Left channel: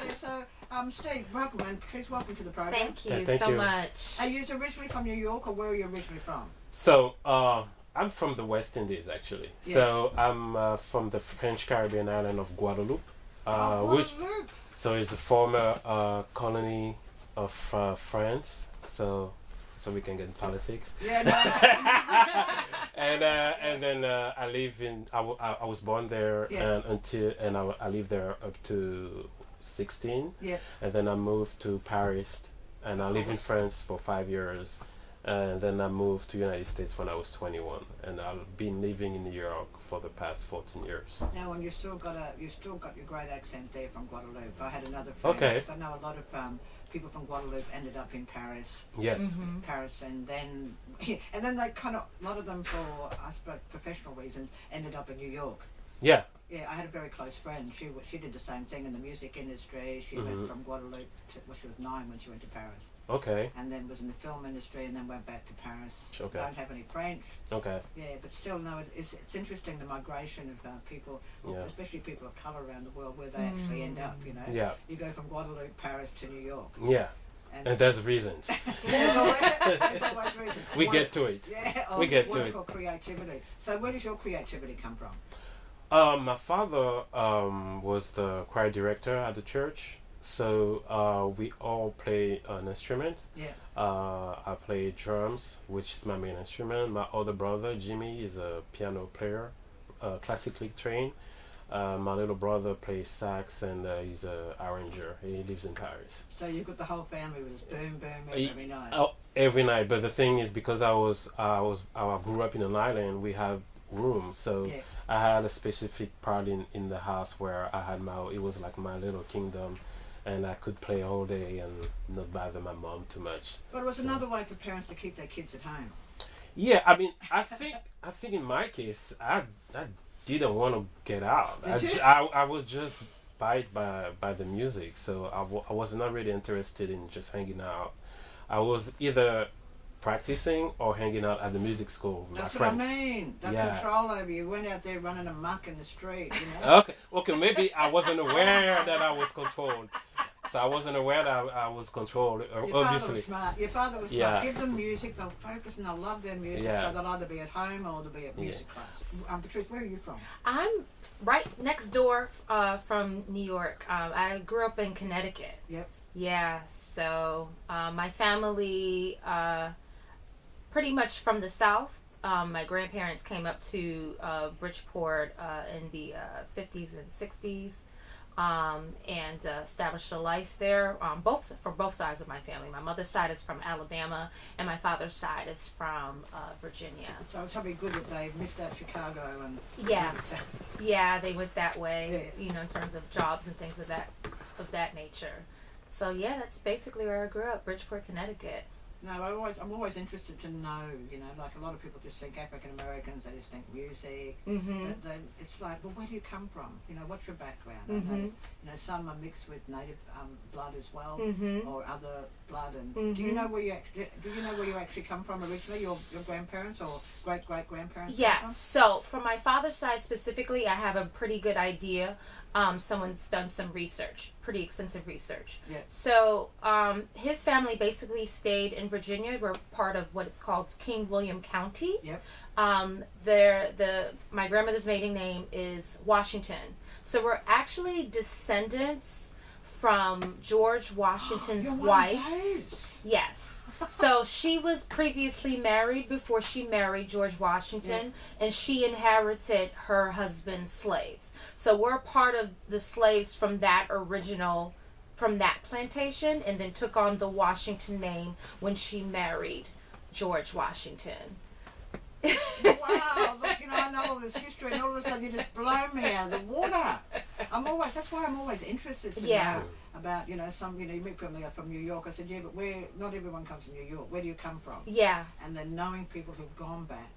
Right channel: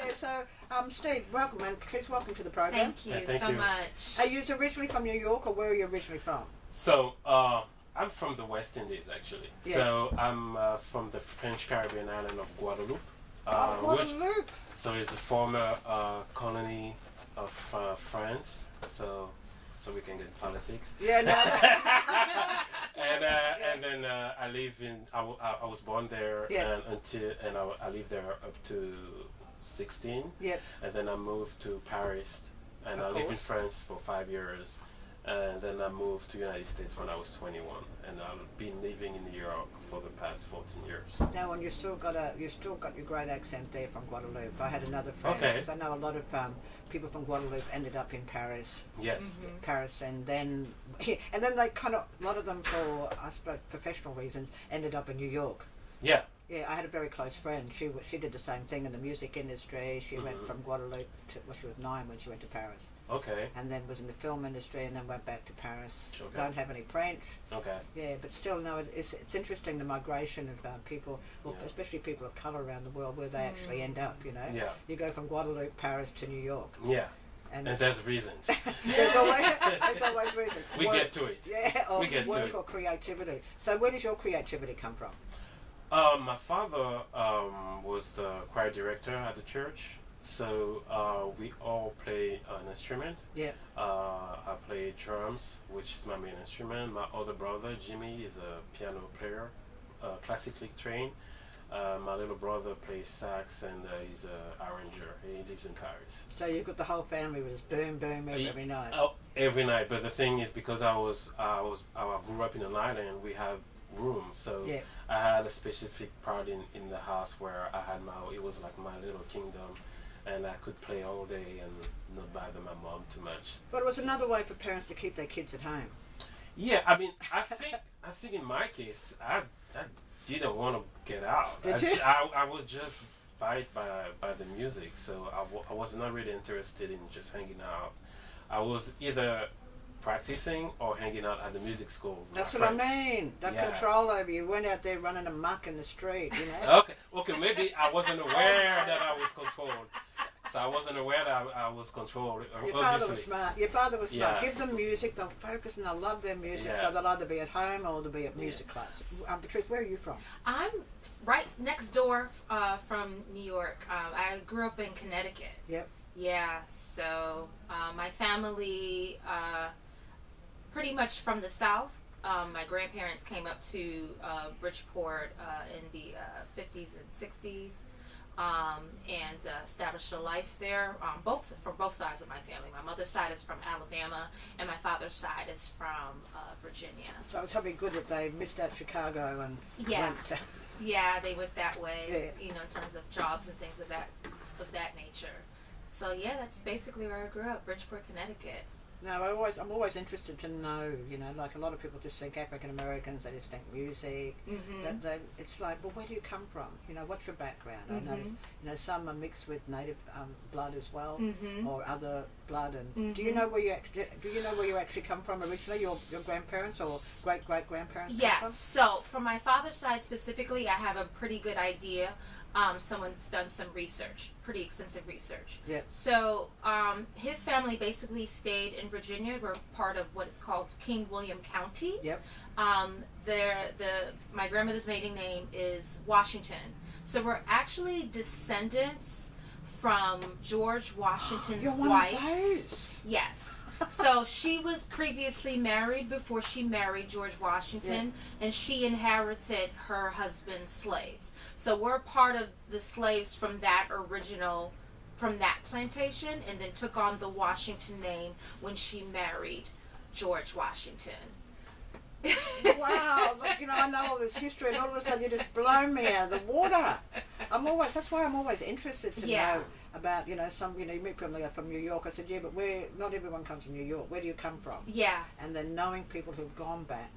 Okay, so Steve, welcome, and Patrice, welcome to the program. Thank you thank so you. much. Are you originally from New York, or where are you originally from? So, I'm from the West Indies, actually. Yeah. So, I'm from the French Caribbean island of Guadeloupe. Guadeloupe. So, it's a former colony of France. So we can get in politics. Yeah, no. And then I live in. I was born there, Yeah. and I lived there up to 16. Yep. And then I moved to Paris, and I lived in France for 5 years. And then I moved to United States when I was 21, and I've been living in New York for the past 14 years. Now, and you still got your great accent there from Guadeloupe. I had another friend, Okay. because I know a lot of people from Guadeloupe ended up in Paris. Yes. Paris, and then they kind of, a lot of them, for I suppose professional reasons, ended up in New York. Yeah. Yeah, I had a very close friend. She did the same thing in the music industry. She went from Guadeloupe to, well, she was 9 when she went to Paris. Okay. And then was in the film industry, and then went back to Paris. Okay. Don't have any French. Okay. Yeah, but still, no, it's interesting, the migration of people, well, Yeah. especially people of colour around the world, where they actually end up, you know. Yeah. You go from Guadeloupe, Paris to New York. Yeah. And there's reasons. there's always reason. We Work, get to it. Yeah, or We get to work it. or creativity. So where does your creativity come from? My father was the choir director at the church, so we all play an instrument. Yeah. I play drums, which is my main instrument. My older brother, Jimmy, is a piano player, classically trained. My little brother plays sax, and he's an arranger. He lives in Paris. So you've got the whole family with this boom, boom, boom every night. Oh, every night. But the thing is, because I grew up in an island, we have room, so Yeah. I had a specific part in the house where I had it was like my little kingdom, and I could play all day and not bother my mom too much. But it was another way for parents to keep their kids at home. Yeah, I mean, I think in my case, I didn't want to get out. Did you? I was just bite by the music, so I was not really interested in just hanging out. I was either practicing or hanging out at the music school with That's my what friends. I mean. That Yeah. control over you. Went out there running amok in the street, you know. Okay, maybe I wasn't aware that I was controlled. So I wasn't aware that I was controlled, Your father obviously. was smart. Your father was Yeah. smart. Give them music, they'll focus and they'll love their music, Yeah. so they'll either be at home or they'll be at music class. Patrice, where are you from? I'm right next door from New York. I grew up in Connecticut. Yep. Yeah, so my family, pretty much from the South. My grandparents came up to Bridgeport in the 50s and 60s. And established a life there. For both sides of my family. My mother's side is from Alabama, and my father's side is from Virginia. So it's probably good that they missed out Chicago and Yeah, went to- yeah, they went that way. Yeah. You know, in terms of jobs and things of that nature. So yeah, that's basically where I grew up, Bridgeport, Connecticut. No, I'm always interested to know, you know, like a lot of people just think African Americans, they just think music. But it's like, well, where do you come from? You know, what's your background? I noticed, you know, some are mixed with native blood as well, or other blood. And do you know where you actually come from originally? Your grandparents or great grandparents? Yeah. So from my father's side specifically, I have a pretty good idea. Someone's done some research, pretty extensive research. Yeah. So his family basically stayed in Virginia. We're part of what is called King William County. Yep. My grandmother's maiden name is Washington. So we're actually descendants from George Washington's You're one wife. of those. Yes. So she was previously married before she married George Washington, and she inherited her husband's slaves. So we're part of the slaves from that plantation, and then took on the Washington name when she married George Washington. Wow, look, you know, I know all this history, and all of a sudden you just blow me out of the water. That's why I'm always interested to know about, you know, you meet from New York. I said, yeah, but not everyone comes from New York. Where do you come from? Yeah. And then knowing people who've gone back.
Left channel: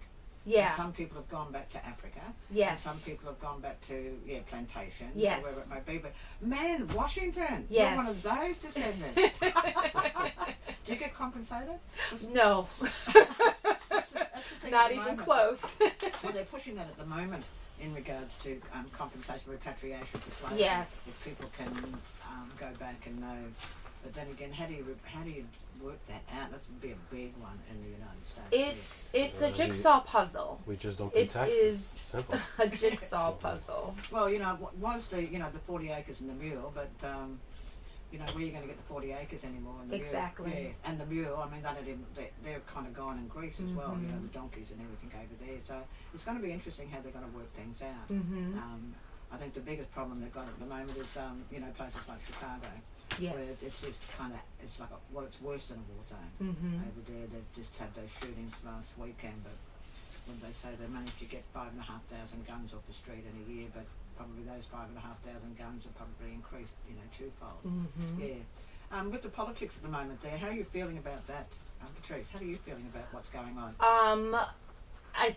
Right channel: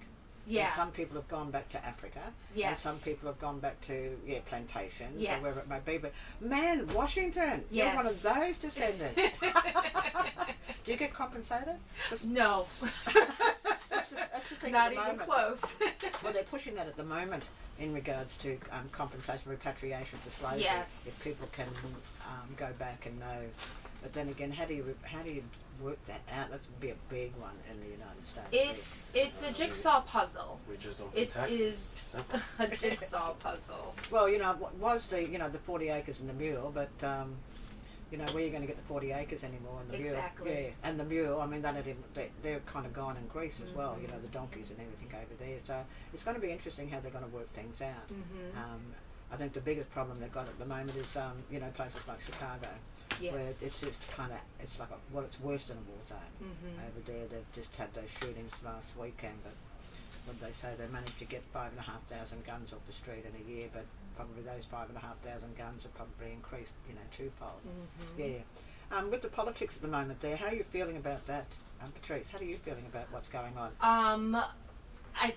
Yeah. And some people have gone back to Africa. Yes. And some people have gone back to, plantations Yes. or wherever it may be. But, man, Washington, Yes. you're one of those descendants. Do you get compensated? No. That's the thing Not at the even moment. close. Well, they're pushing that at the moment in regards to compensation, repatriation for slavery. Yes. If people can go back and know. But then again, how do you work that out? That would be a big one in the United States. It's a jigsaw puzzle. We just don't pay taxes. It is Simple. a jigsaw puzzle. Well, was the the 40 acres and the mule, but where are you going to get the 40 acres anymore? And the Exactly. Mule? Yeah, and the mule. I mean, they're kind of gone in Greece as well. The donkeys and everything over there. So it's going to be interesting how they're going to work things out. I think the biggest problem they've got at the moment is places like Chicago. Yes. Where it's just it's like it's worse than a war zone over there. They've just had those shootings last weekend, but what did they say? They managed to get 5,500 guns off the street in a year, but probably those 5,500 guns have probably increased, twofold. Yeah. With the politics at the moment there, how are you feeling about that, Patrice? How are you feeling about what's going on? I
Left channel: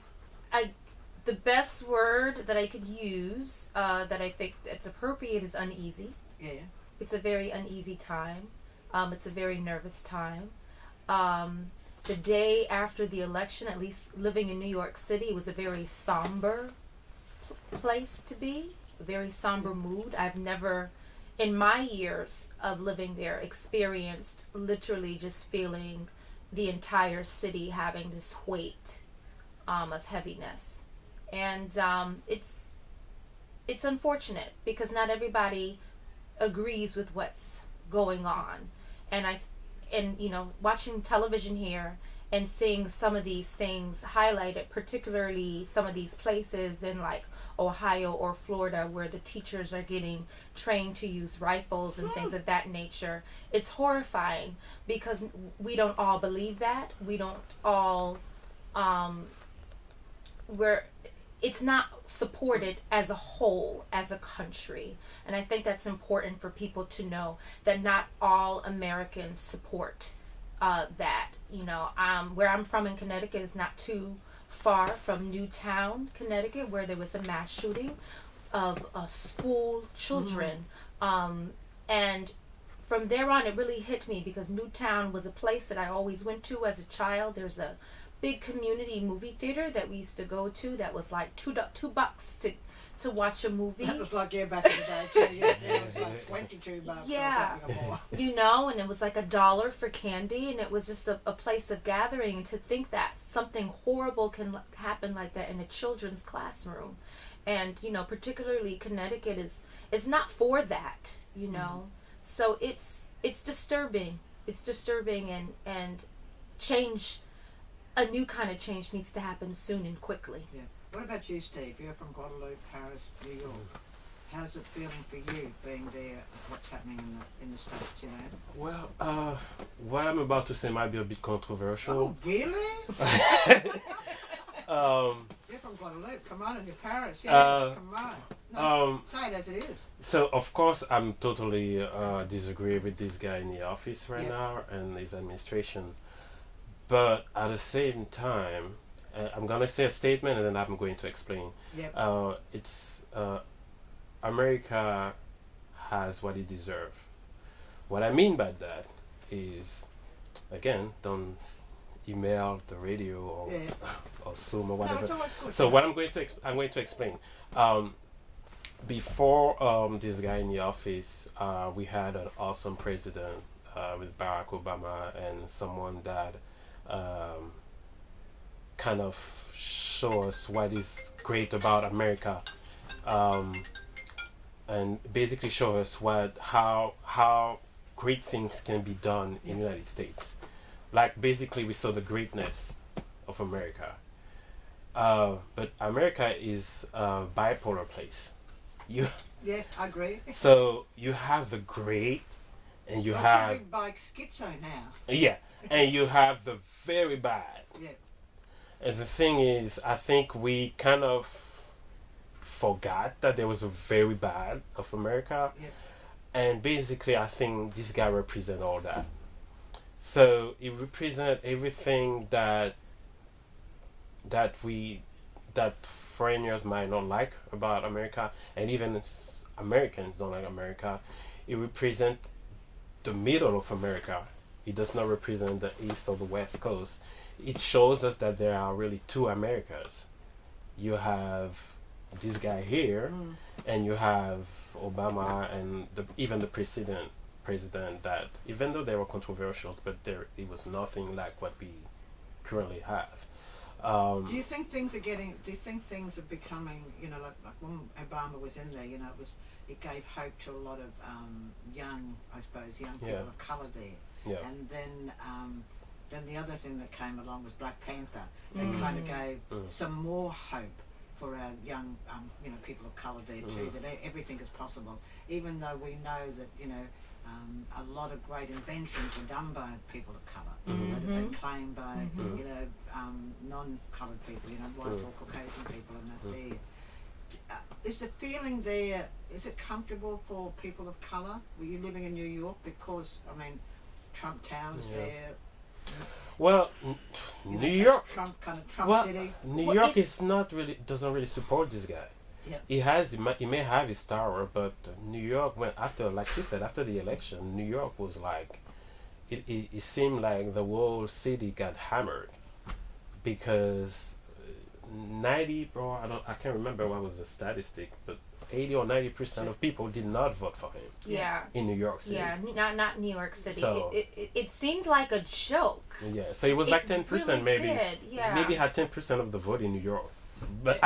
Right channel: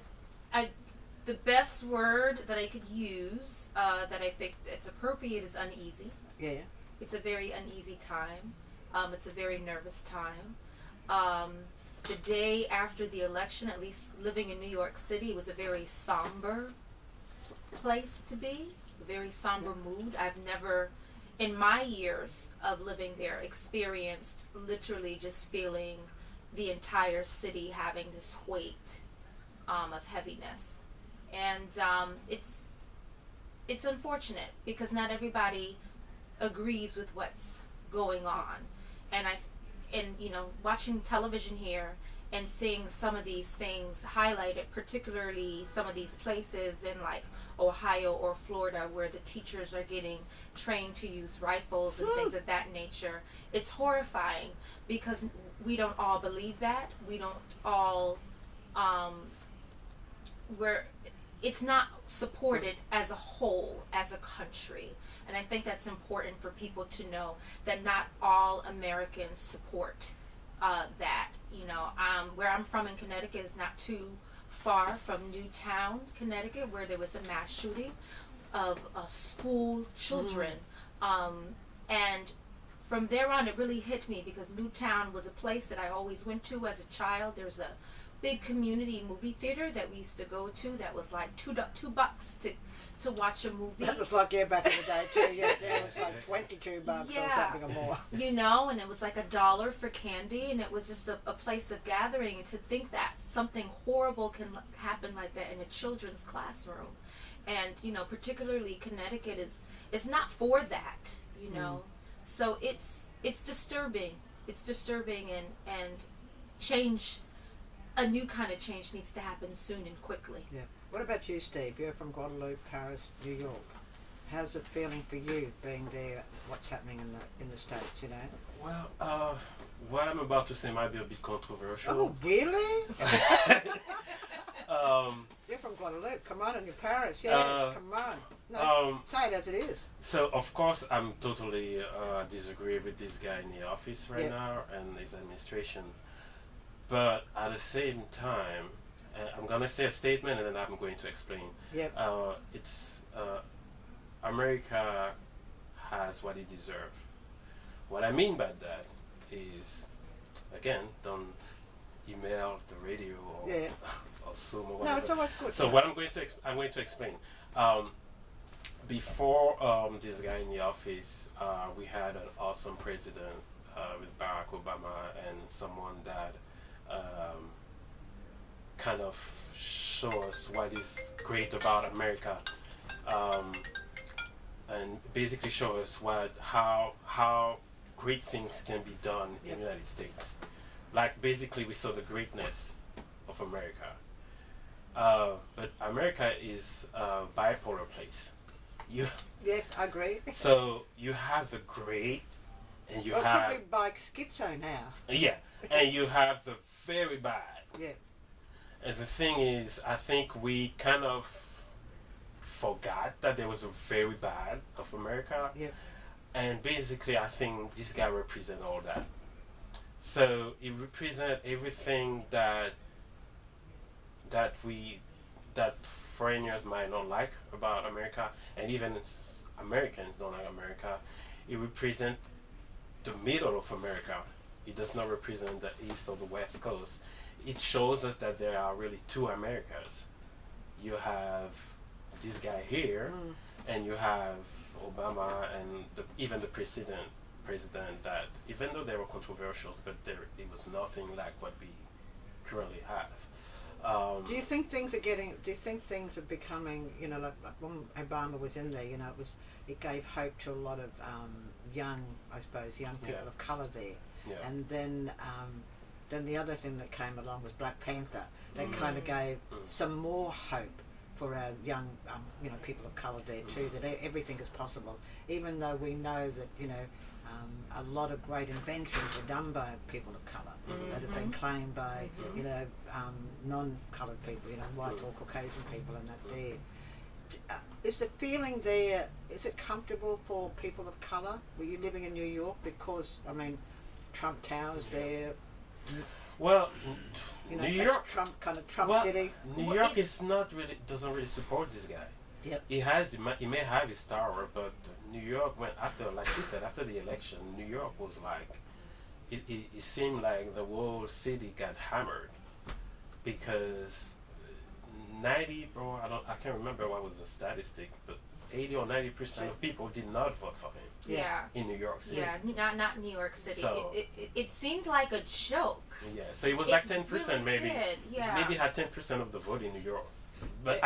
the best word that I could use that I think it's appropriate is uneasy. Yeah. It's a very uneasy time. It's a very nervous time. The day after the election, at least living in New York City, was a very somber place to be, a very somber mood. I've never, in my years of living there, experienced literally just feeling the entire city having this weight of heaviness. And it's unfortunate because not everybody agrees with what's going on. And watching television here and seeing some of these things highlighted, particularly some of these places in like Ohio or Florida where the teachers are getting trained to use rifles and things of that nature, it's horrifying because we don't all believe that. We don't all it's not supported as a whole, as a country. And I think that's important for people to know that not all Americans support that. Where I'm from in Connecticut is not too far from Newtown, Connecticut, where there was a mass shooting of school children. And from there on, it really hit me because Newtown was a place that I always went to as a child. There's a big community movie theater that we used to go to that was like $2 to watch a movie. That was like back in the day too. Yeah, it was like $22 or something or more. And it was like $1 for candy, and it was just a place of gathering. And to think that something horrible can happen like that in a children's classroom, and particularly Connecticut is not for that. So it's disturbing. It's disturbing, and change. A new kind of change needs to happen soon and quickly. Yeah. What about you, Steve? You're from Guadeloupe, Paris, New York. How's it feeling for you being there? What's happening in the States? Well, what I'm about to say might be a bit controversial. Oh, really? You're from Guadeloupe. Come on, and you're Paris. Yeah, come on. No, say it as it is. So of course I'm totally disagree with this guy in the office right now and his administration. But at the same time, I'm going to say a statement and then I'm going to explain. Yep. It's America has what it deserves. What I mean by that is, again, don't email the radio or Zoom or whatever. No, it's always good. So what I'm going to explain. Before this guy in the office, we had an awesome president with Barack Obama and someone that kind of show us what is great about America, and basically show us how great things can be done in the United States. Like basically we saw the greatness of America, but America is a bipolar place. Yes, I agree. So you have the great, and you have probably by schizo now. Yeah, and you have the very bad. Yeah. And the thing is, I think we kind of forgot that there was a very bad of America. Yeah. And basically, I think this guy represents all that. So he represents everything that foreigners might not like about America, and even Americans don't like America. He represents the middle of America. It does not represent the East or the West Coast. It shows us that there are really two Americas. You have this guy here, and you have Obama and even the president president that, even though they were controversial, but it was nothing like what we currently have. Do you think things are getting? Do you think things are becoming? You know, like when Obama was in there, you know, it gave hope to a lot of young people of color there. Yeah. And then the other thing that came along was Black Panther. They kind of gave some more hope for our young, people of colour there too, that everything is possible. Even though we know that, a lot of great inventions were done by people of colour that have been claimed by, non-coloured people, white or Caucasian people, and that there. Is the feeling there, is it comfortable for people of colour? Were you living in New York? Because, Trump Tower's there. Well, New York, Trump City. New York is not really, doesn't really support this guy. Yep. He may have his tower, but New York went after, like you said, after the election. New York was like, it seemed like the whole city got hammered because 90, I can't remember what was the statistic, but 80 or 90% of people did not vote for him. Yeah. In New York City. Yeah, not New York City. So, it seemed like a joke. Yeah, so it was like 10% really maybe. Did, yeah. Maybe had 10% of the vote in New York, but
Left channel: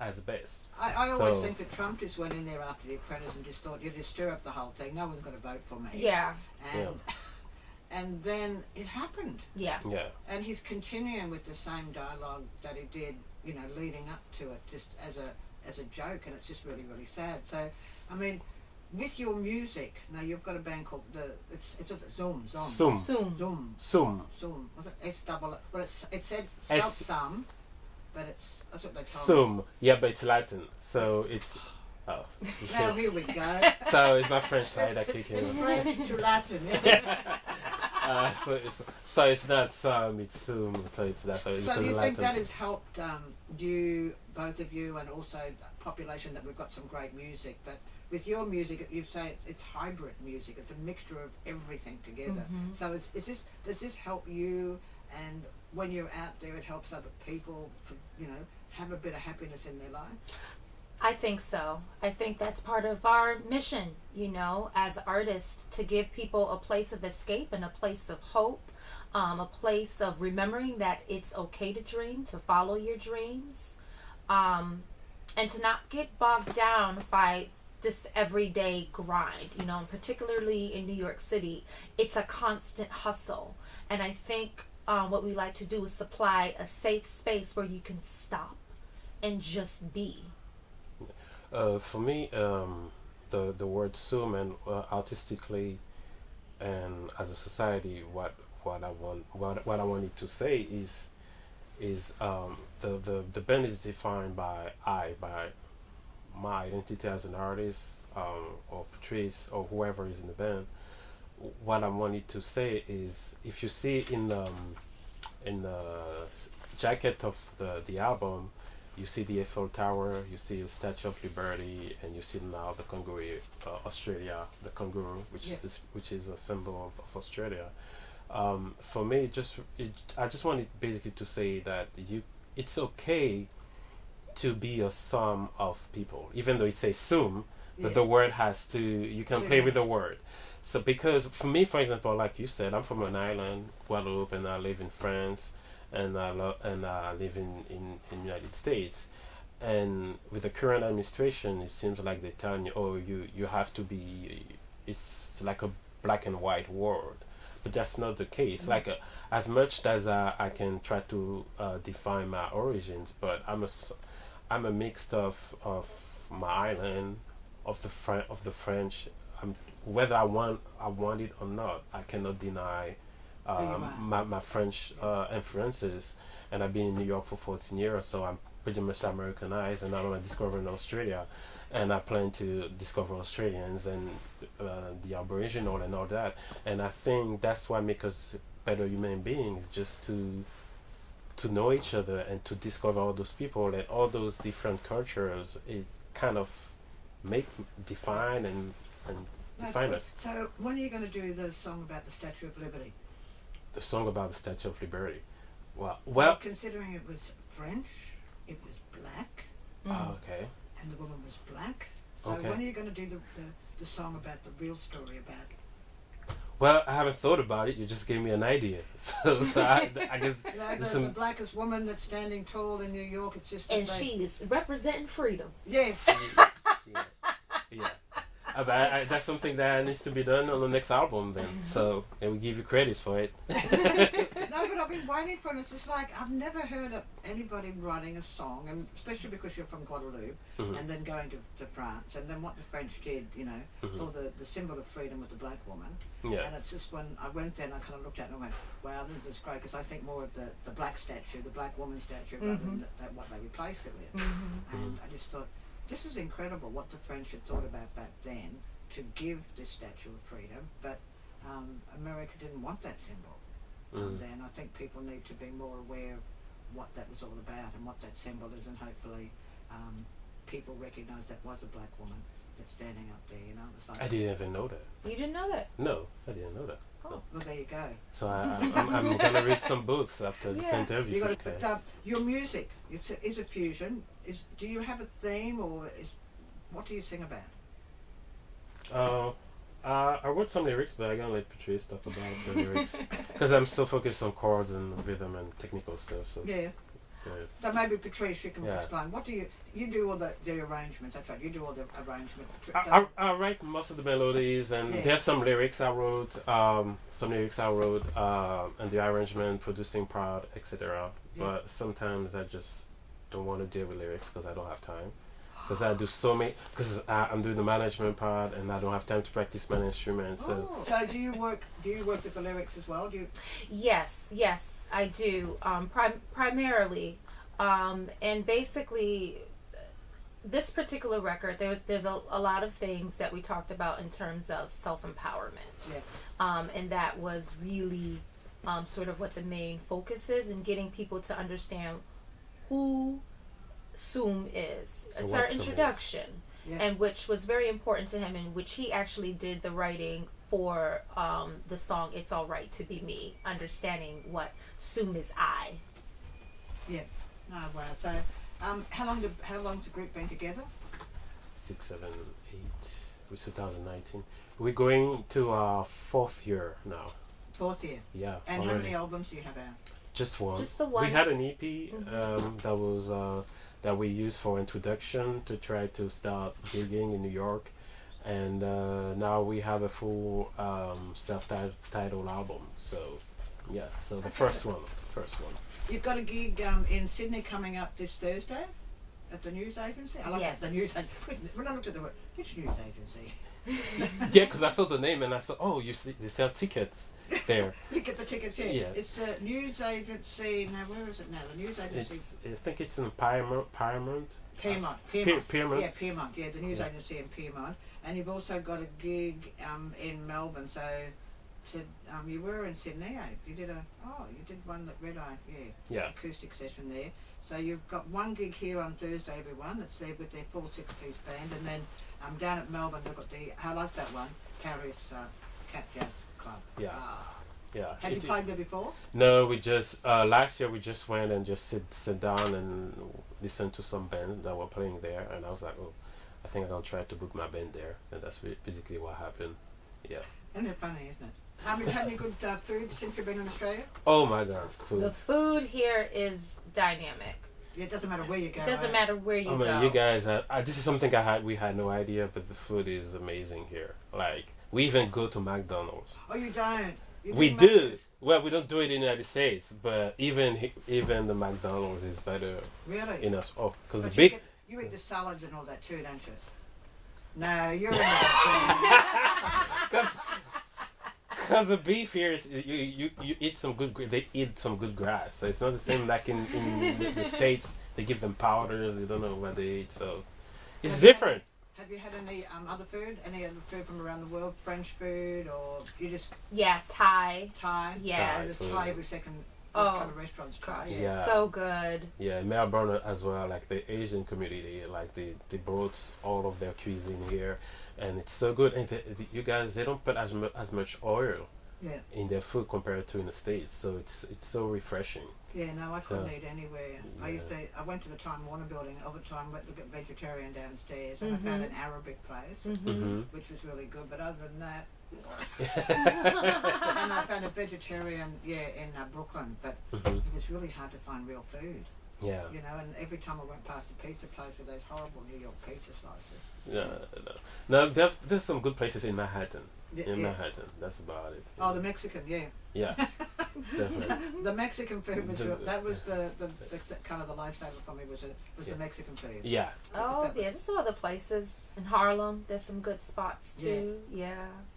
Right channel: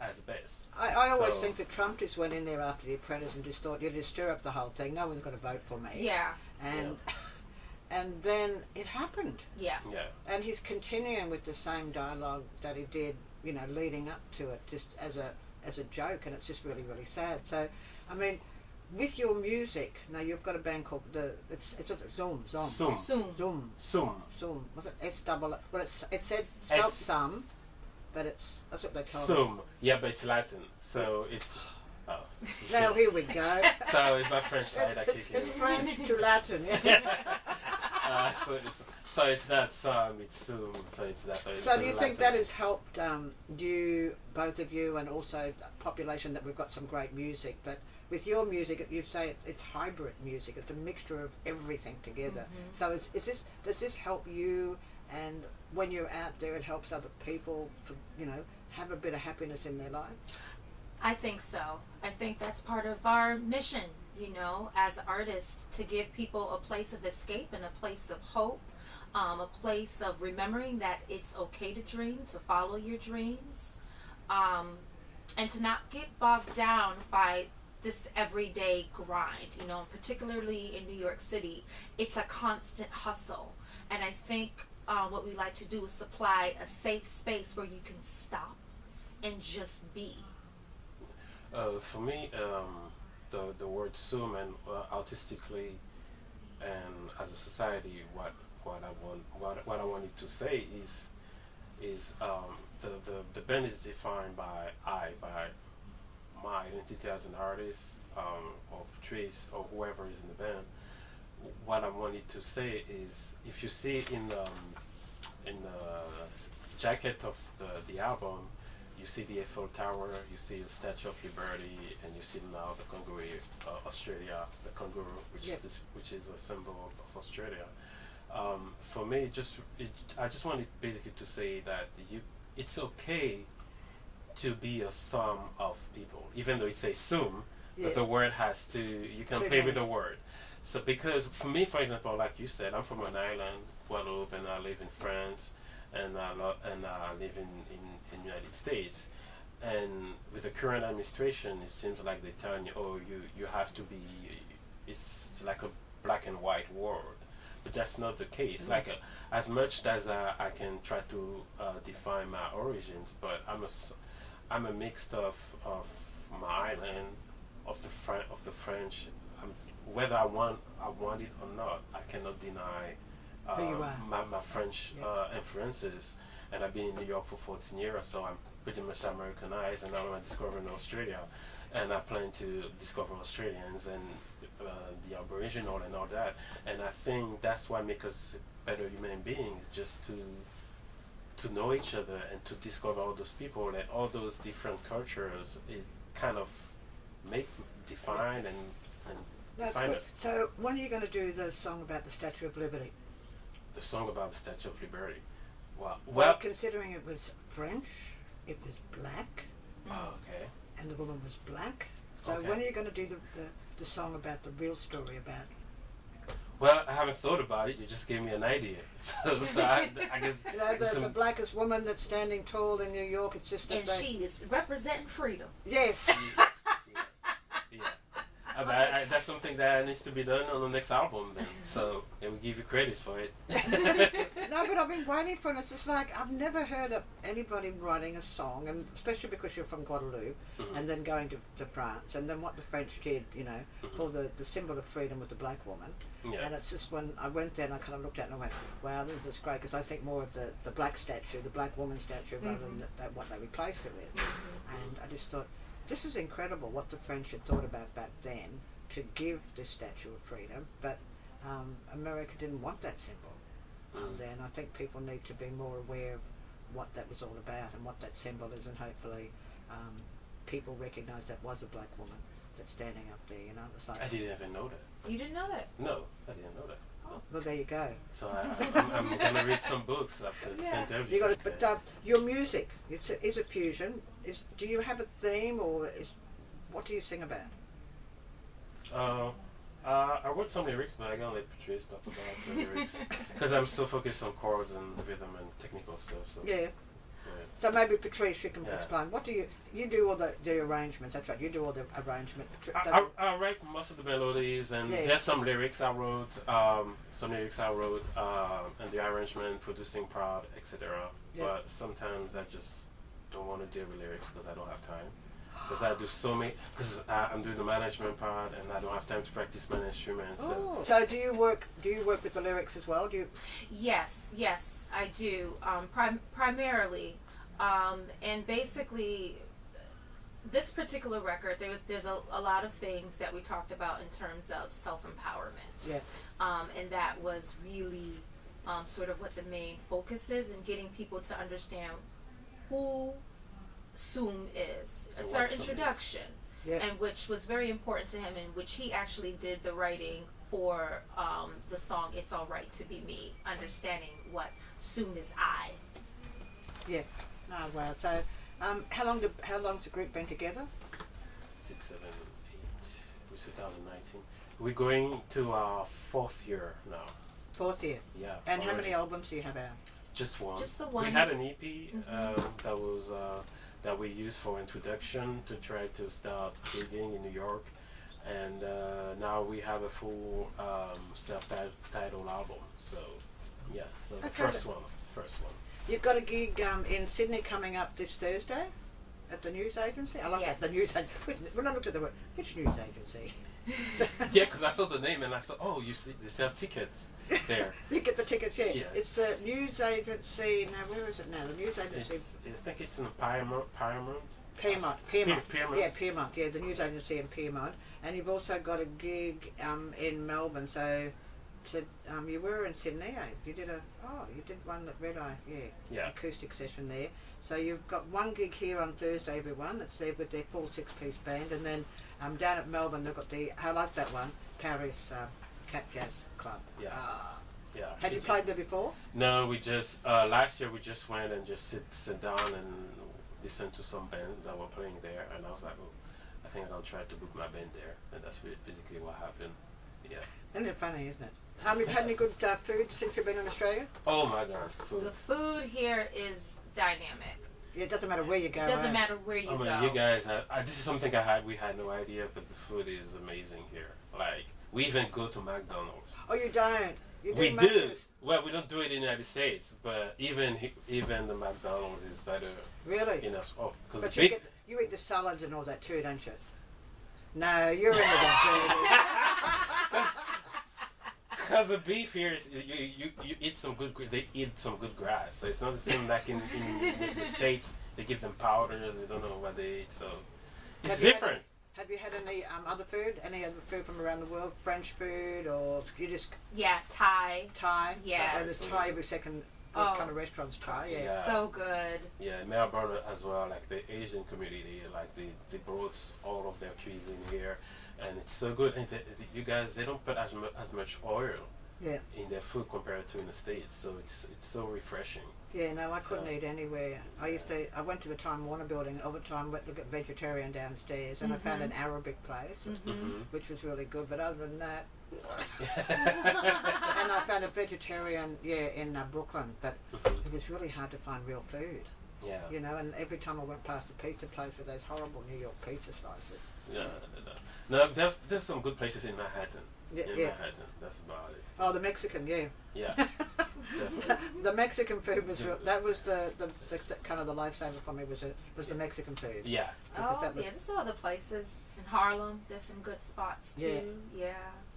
as best. I always think that Trump just went in there after The Apprentice and just thought, you just stir up the whole thing. No one's going to vote for me. Yeah. And then it happened. Yeah. Yeah. And he's continuing with the same dialogue that he did, leading up to it, just as a joke, and it's just really, really sad. So, with your music, now you've got a band called it's Zoom. Was it S-double? Well, it said spelled Sum, but that's what they told me. Sum. Yeah, but it's Latin, so it's. Oh. Now here we go. So it's my French side that kicking in. It's French to Latin. Yeah. So it's not Sum, it's Sum. So it's that. So do you think that has helped you, both of you, and also population, that we've got some great music, but with your music, you say it's hybrid music. It's a mixture of everything together. So does this help you? And when you're out there, it helps other people, have a bit of happiness in their lives? I think so. I think that's part of our mission, as artists, to give people a place of escape and a place of hope, a place of remembering that it's okay to dream, to follow your dreams, and to not get bogged down by this everyday grind, particularly in New York City. It's a constant hustle. And I think what we like to do is supply a safe space where you can stop and just be. For me, the word sum, and artistically and as a society, what I wanted to say is the band is defined by my identity as an artist, or Patrice, or whoever is in the band. What I wanted to say is, if you see in the jacket of the album, you see the Eiffel Tower, you see the Statue of Liberty, and you see now the kangaroo, Australia, the kangaroo, which is a symbol of Australia. For me, I just wanted basically to say that it's okay to be a sum of people, even though it says sum, but the word has to, you can play with the word. So because for me, for example, like you said, I'm from an island, Guadeloupe, and I live in France, and I live in United States. And with the current administration, it seems like they're telling you, oh, you have to be, it's like a black and white world. But that's not the case. Like as much as I can try to define my origins, but I'm a mix of my island, of the French. Whether I want it or not, I cannot deny my French influences. And I've been in New York for 14 years, so I'm pretty much Americanized, and now I'm discovering Australia, and I plan to discover Australians and the Aboriginal and all that. And I think that's what makes us better human beings, just to know each other and to discover all those people and all those different cultures is kind of define and define us. So when are you going to do the song about the Statue of Liberty? The song about the Statue of Liberty. Well, considering it was French, it was black. Okay. And the woman was black. So when are you going to do the song about the real story about Well, I haven't thought about it. You just gave me an idea. So I guess You know, the blackest woman that's standing tall in New York. It's just And she is representing freedom. yes. yeah. That's something that needs to be done on the next album then. So, and we give you credits for it. No, but I've been waiting for it. It's just like I've never heard of anybody writing a song, and especially because you're from Guadeloupe, and then going to France, and then what the French did, you know, for the symbol of freedom with the black woman. Yeah. And it's just when I went there and I kind of looked at it and I went, wow, this is great, because I think more of the black statue, the black woman statue, rather than what they replaced it with. And I just thought, this is incredible what the French had thought about back then to give this statue of freedom, but America didn't want that symbol. Then I think people need to be more aware of what that was all about and what that symbol is, and hopefully people recognise that was a black woman that's standing up there. You know, it's like I didn't even know that. You didn't know that? No, I didn't know that. Oh. well, there you go. So I'm gonna read some books after this interview. You got it, but your music is it fusion? Do you have a theme, or what do you sing about? I wrote some lyrics, but I gotta let Patrice talk about the lyrics because I'm so focused on chords and rhythm and technical stuff. So Yeah. So maybe Patrice, you can explain. What do you do all the arrangements? That's right. You do all the arrangement. I write most of the melodies, and there's some lyrics I wrote. And the arrangement, producing part, etc. But sometimes I just don't want to deal with lyrics because I don't have time. Because I do so many. Because I'm doing the management part, and I don't have time to practice my instruments. So do you work with the lyrics as well? Do you? Yes, I do. Primarily, and basically, this particular record, there's a lot of things that we talked about in terms of self-empowerment. Yeah. And that was really sort of what the main focus is, in getting people to understand who Soom is. It's our introduction, and which was very important to him, in which he actually did the writing for the song "It's All Right to Be Me," understanding what Soom is I. Yeah. No, wow. So, how long's the group been together? 6, 7, 8. We're 2019. We're going to our 4th year now. 4th year. Yeah. And already. how many albums do you have out? Just one. Just the one. We had an EP that was that we used for introduction to try to start gigging in New York, and now we have a full self-titled album. So yeah, so the first one. You've got a gig in Sydney coming up this Thursday at the news agency. I like that, the news agency. When I looked at the word, which news agency? Yeah, because I saw the name and I saw, oh, you see, they sell tickets there. You get the tickets, yeah. Yeah. It's the news agency. Now, where is it now? The news agency. I think it's in Piedmont. Piedmont. Piedmont. Yeah, Piedmont. Yeah, the news agency in Piedmont. And you've also got a gig in Melbourne. So, you were in Sydney. You did one at Red Eye. Yeah. Acoustic session there. So you've got one gig here on Thursday, everyone. That's there with their full 6-piece band, and then down at Melbourne they've got I like that one, Paris Cat Jazz Club. Yeah. Yeah. Had you played there before? No, we just last year we just went and just sit down and listen to some bands that were playing there, and I was like, oh, I think I'm gonna try to book my band there, and that's basically what happened. Yeah. Isn't it funny, isn't it? Have you had any good food since you've been in Australia? Oh my God, food. The food here is dynamic. Yeah, it doesn't matter where you go. It doesn't matter where you go. I mean, you guys, this is something we had no idea, but the food is amazing here. Like, we even go to McDonald's. Oh, you don't? We do. Well, we don't do it in the United States, but even the McDonald's is better. Really? In us. Oh, because the you big. You eat the salads and all that too, don't you? No, you're into that. Because the beef here is you eat some good. They eat some good grass, so it's not the same like in the States. They give them powders. You don't know what they eat, so it's different. Have you had any other food? Any other food from around the world? French food, or you just? Yeah, Thai. Yeah. There's Thai every second. What kind of restaurants? Thai. Yeah. So good. Yeah, in Melbourne as well. Like the Asian community, like they brought all of their cuisine here. And it's so good, and you guys, they don't put as much oil in their food compared to in the States, so it's so refreshing. Yeah, no, I couldn't eat anywhere. Yeah. I went to the Time Warner building all the time, went to get vegetarian downstairs, and I found an Arabic place, which was really good. But other than that, And I found a vegetarian, in Brooklyn, but Mhm. it was really hard to find real food. Yeah. You know, and every time I went past a pizza place with those horrible New York pizza slices. Yeah. No, there's some good places in Manhattan. Manhattan, that's about it. Oh, the Mexican, yeah. Yeah, definitely. The Mexican food was that was the kind of the lifesaver for me was the Mexican food. Yeah. Oh, yeah, there's some other places in Harlem. There's some good spots too. Yeah,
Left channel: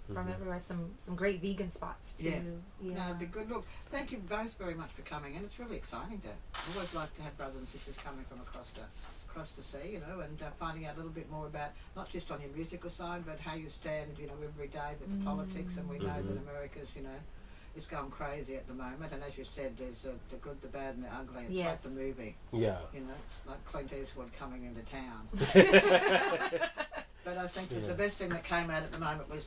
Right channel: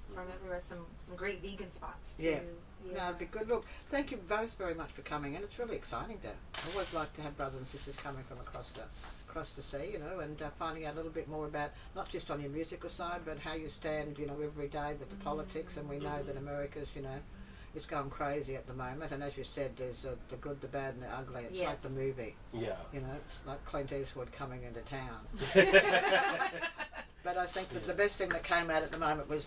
from Mhm. everywhere. Some great vegan spots too. Yeah. Yeah. No, it'd be good. Look, thank you both very much for coming in. It's really exciting to. I always like to have brothers and sisters coming from across the sea, you know, and finding out a little bit more about not just on your musical side, but how you stand, you know, every day with the politics. And we know that America's, you know, it's going crazy at the moment. And as you said, there's the good, the bad, and the ugly. It's like the movie. Yeah. You know, it's like Clint Eastwood coming into town. But I think that the best thing that came out at the moment was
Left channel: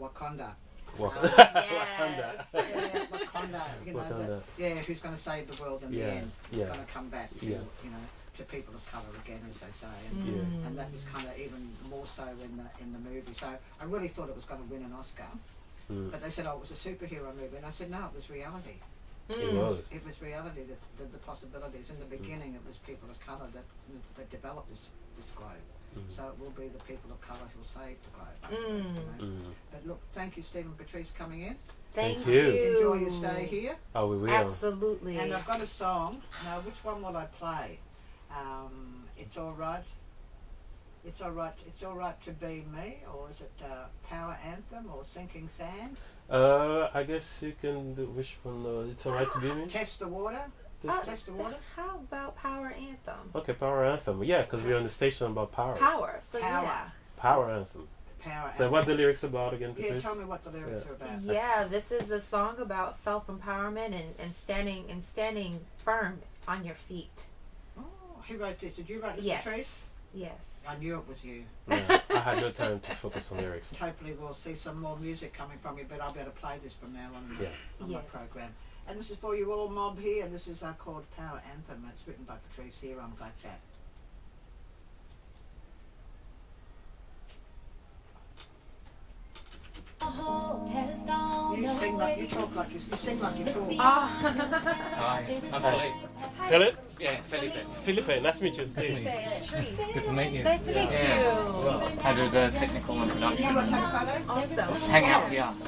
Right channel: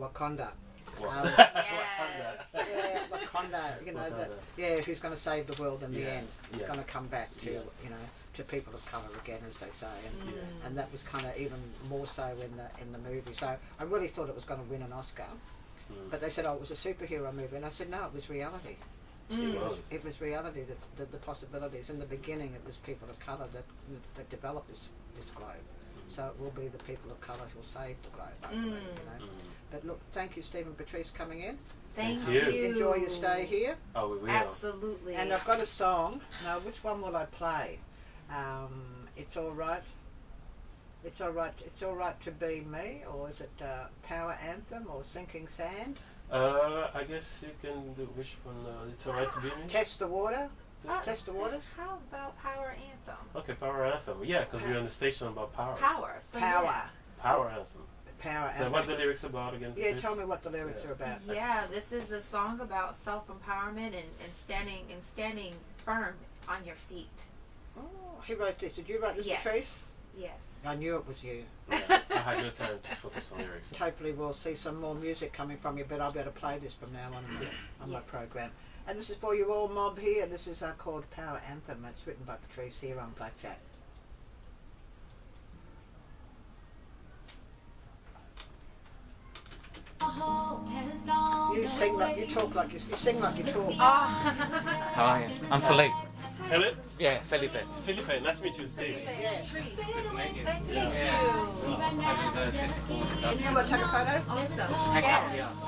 Wakanda. Yes. Yeah, Wakanda. You know, who's going to save the world in the end? Who's going to come back to, you know, to people of colour again, as they say, and that was kind of even more so in the movie. So I really thought it was going to win an Oscar, but they said, oh, it was a superhero movie, and I said, no, it was reality. It was. It was reality, that the possibilities. In the beginning, it was people of colour that developed this globe. So it will be the people of colour who will save the globe. You know? But look, thank you, Steve and Patrice, coming in. Thank you. Enjoy your stay here. Oh, we will. Absolutely. And I've got a song. Now, which one will I play? It's all right. It's all right. It's all right to be me, or is it Power Anthem or Sinking Sand? I guess you can do which one. It's alright to be me. Test the water. Test the waters. How about Power Anthem? Okay, Power Anthem. Yeah, because we're on the station about power. Power. So Power. Yeah. Power Anthem. Power. So what the lyrics about again? Yeah, Patrice? tell me what the lyrics are about. Yeah, this is a song about self-empowerment and standing firm on your feet. Oh, he wrote this. Did you write this, Yes. Patrice? Yes. I knew it was you. Yeah, I had no time to focus on lyrics. Hopefully we'll see some more music coming from you, but I'll be able to play this from now on my program. And this is for you all mob here. This is called Power Anthem. It's written by Patrice here on Black Chat. You sing like you talk like you sing like you talk. Hi, I'm Philippe. Philip? Yeah, Felipe. Felipe, nice to meet you, Steve. Good to meet you. Nice to meet you. How do the technical Can you production? take a photo? Awesome. Hang out, yeah.